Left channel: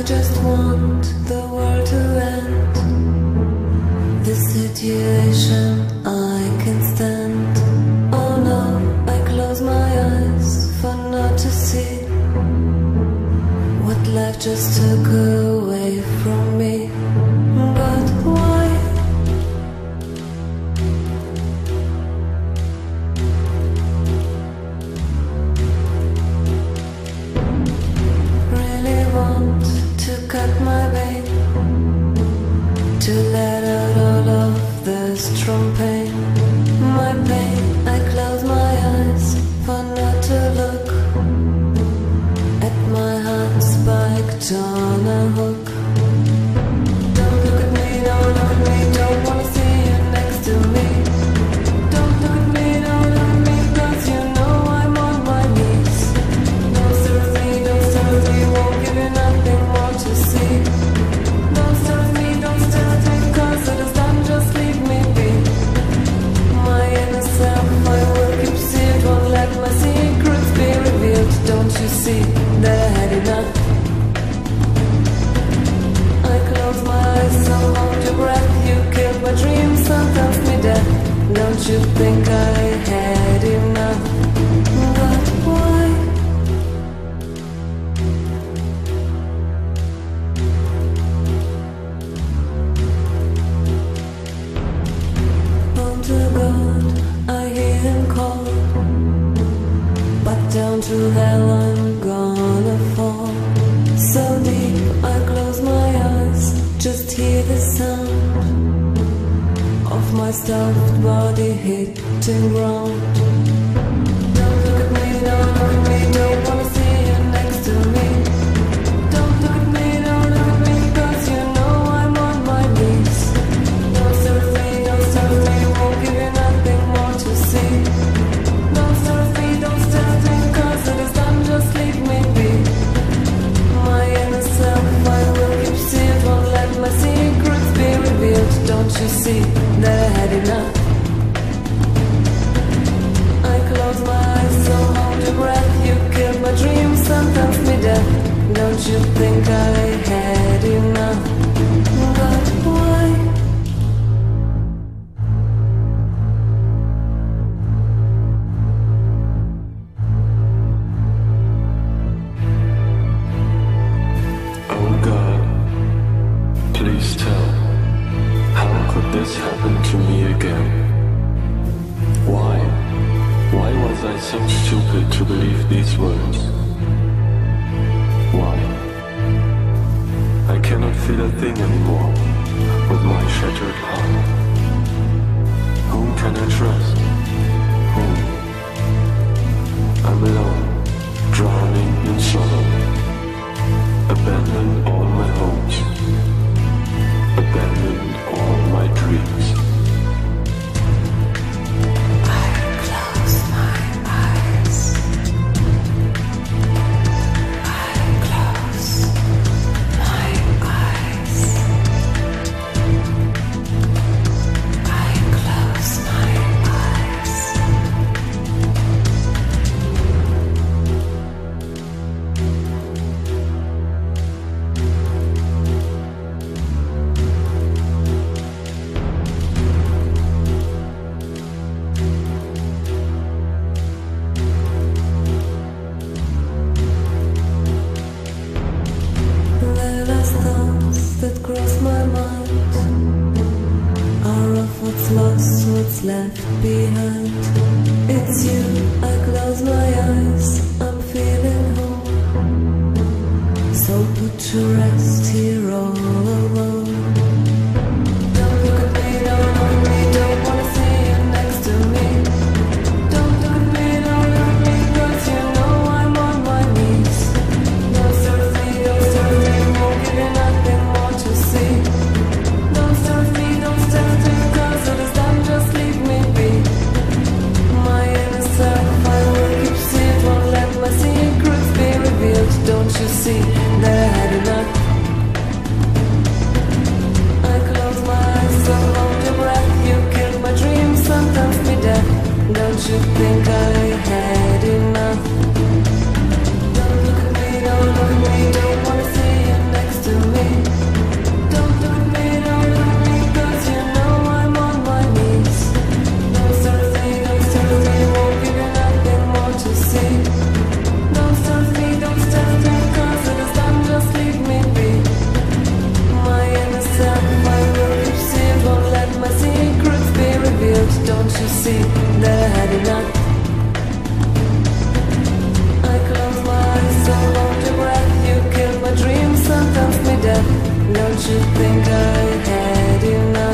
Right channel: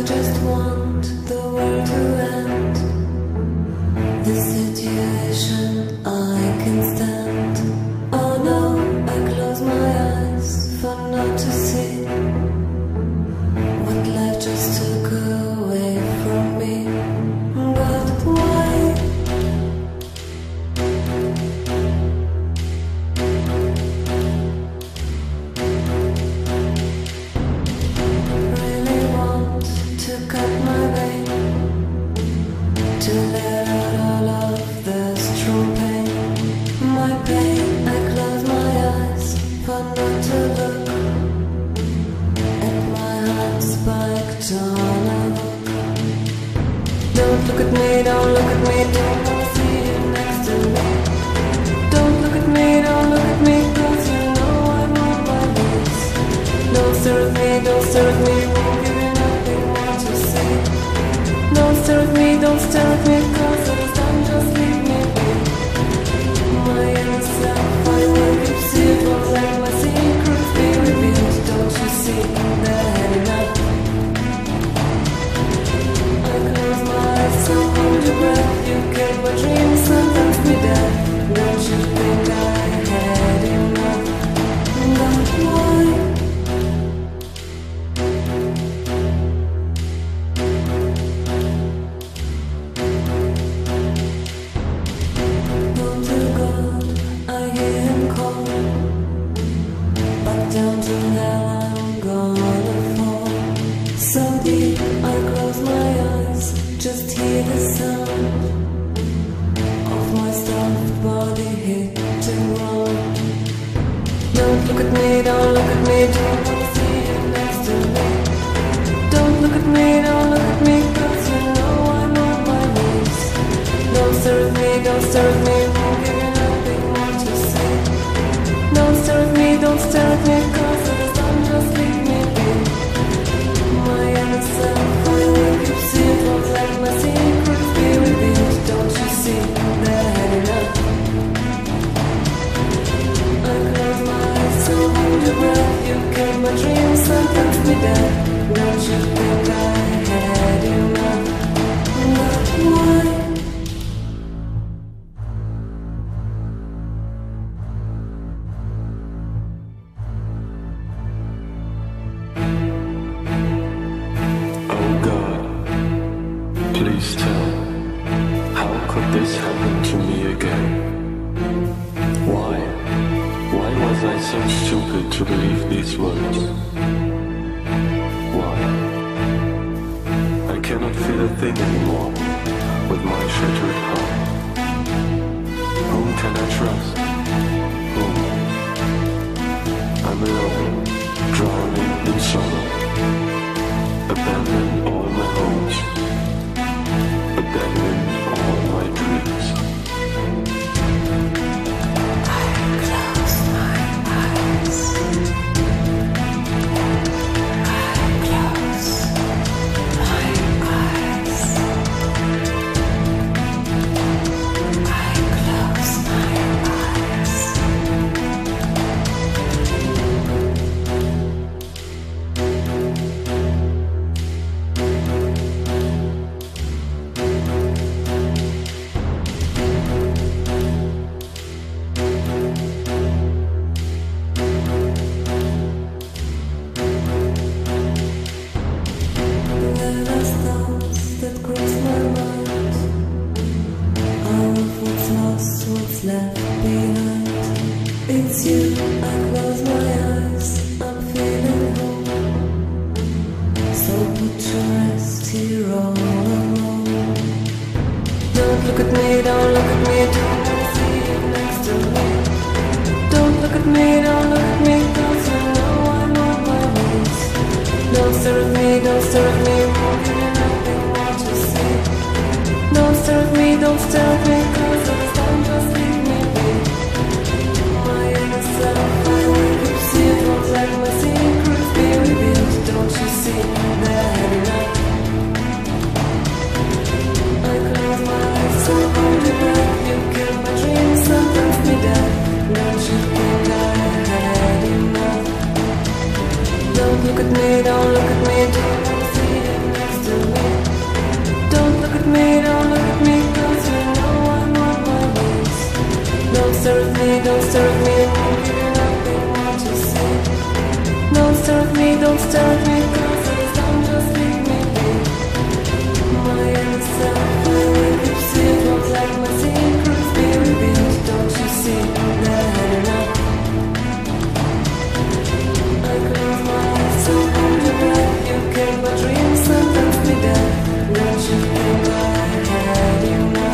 I just want the world to end. This situation I can stand. Oh no, I close my eyes for not to see what life just took away from me. But why? Really want to cut my vein, to let out all of the strong pain. My pain, I close my eyes for not to look at my heart spiked on a hook. Don't look at me, don't look at me, don't wanna see you next to me. Don't look at me, don't look at me, cause you know I'm on my knees. Don't stare at me, don't stare at me, won't give you nothing more to see. Don't stare at me, don't stare at me, cause it is done, just leave me be. My inner self, I will keep sealed, won't let my secrets be revealed. Don't you see, they're had enough. I close my eyes, so hold your breath. You killed my dreams, sentenced me death. Don't you think I had enough? But why? Home to God, I hear him call, but down to hell I'm gonna fall. So deep, I close my eyes, just hear the sound of my stuffed body hitting ground. Don't look at me, don't look at me, don't wanna see you next to me. Don't look at me, don't look at me, cause you know I'm on my knees. Don't stare at me, don't stare at me, won't give you nothing more to see. Don't stare at me, don't stare at me, cause it is done, just leave me be. My inner self, I will keep sealed, won't let my secrets be revealed. Don't you see, they're had enough. I close my eyes, so hold your breath. You killed my dreams, sentenced me death. Don't you think I had enough? But why? Oh God, please tell, how could this happen to me again? Why? Why was I so stupid to believe these words? Why? I cannot feel a thing anymore with my shattered heart. Whom can I trust? Whom? I'm alone, drowning in sorrow. Abandoned all my hopes, abandoned all my dreams. I close my eyes. I close my eyes. I close my eyes. The last thoughts that cross my mind are of what's lost, what's left behind. It's you, I close my eyes, I'm feeling home. So put to rest here all alone. Don't look at me, don't look at me, don't wanna see you next to me. Don't look at me, don't look at me, cause you know I'm on my knees. Don't stare at me, don't stare at me, won't give you nothing more to see. Don't stare at me, don't stare at me, cause it is done, just leave me be. My inner self, I will keep sealed, won't let my secrets be revealed. Don't you see, they're had enough. I close my eyes, so hold your breath. You killed my dreams, sentenced me death. Don't you think I had enough? Don't look at me, don't look at me, don't wanna see you next to me. Don't look at me, don't look at me, cause you know I'm on my knees. Don't stare at me, don't stare at me, I won't give you nothing more to see. Don't stare at me, don't stare at me, cause it is done, just leave me be. My inner self, I will keep see it, won't let my secrets be revealed. Don't you see, they're had enough. I close my eyes, so hold your breath. You killed my dreams, sentenced me death. Don't you think I had enough?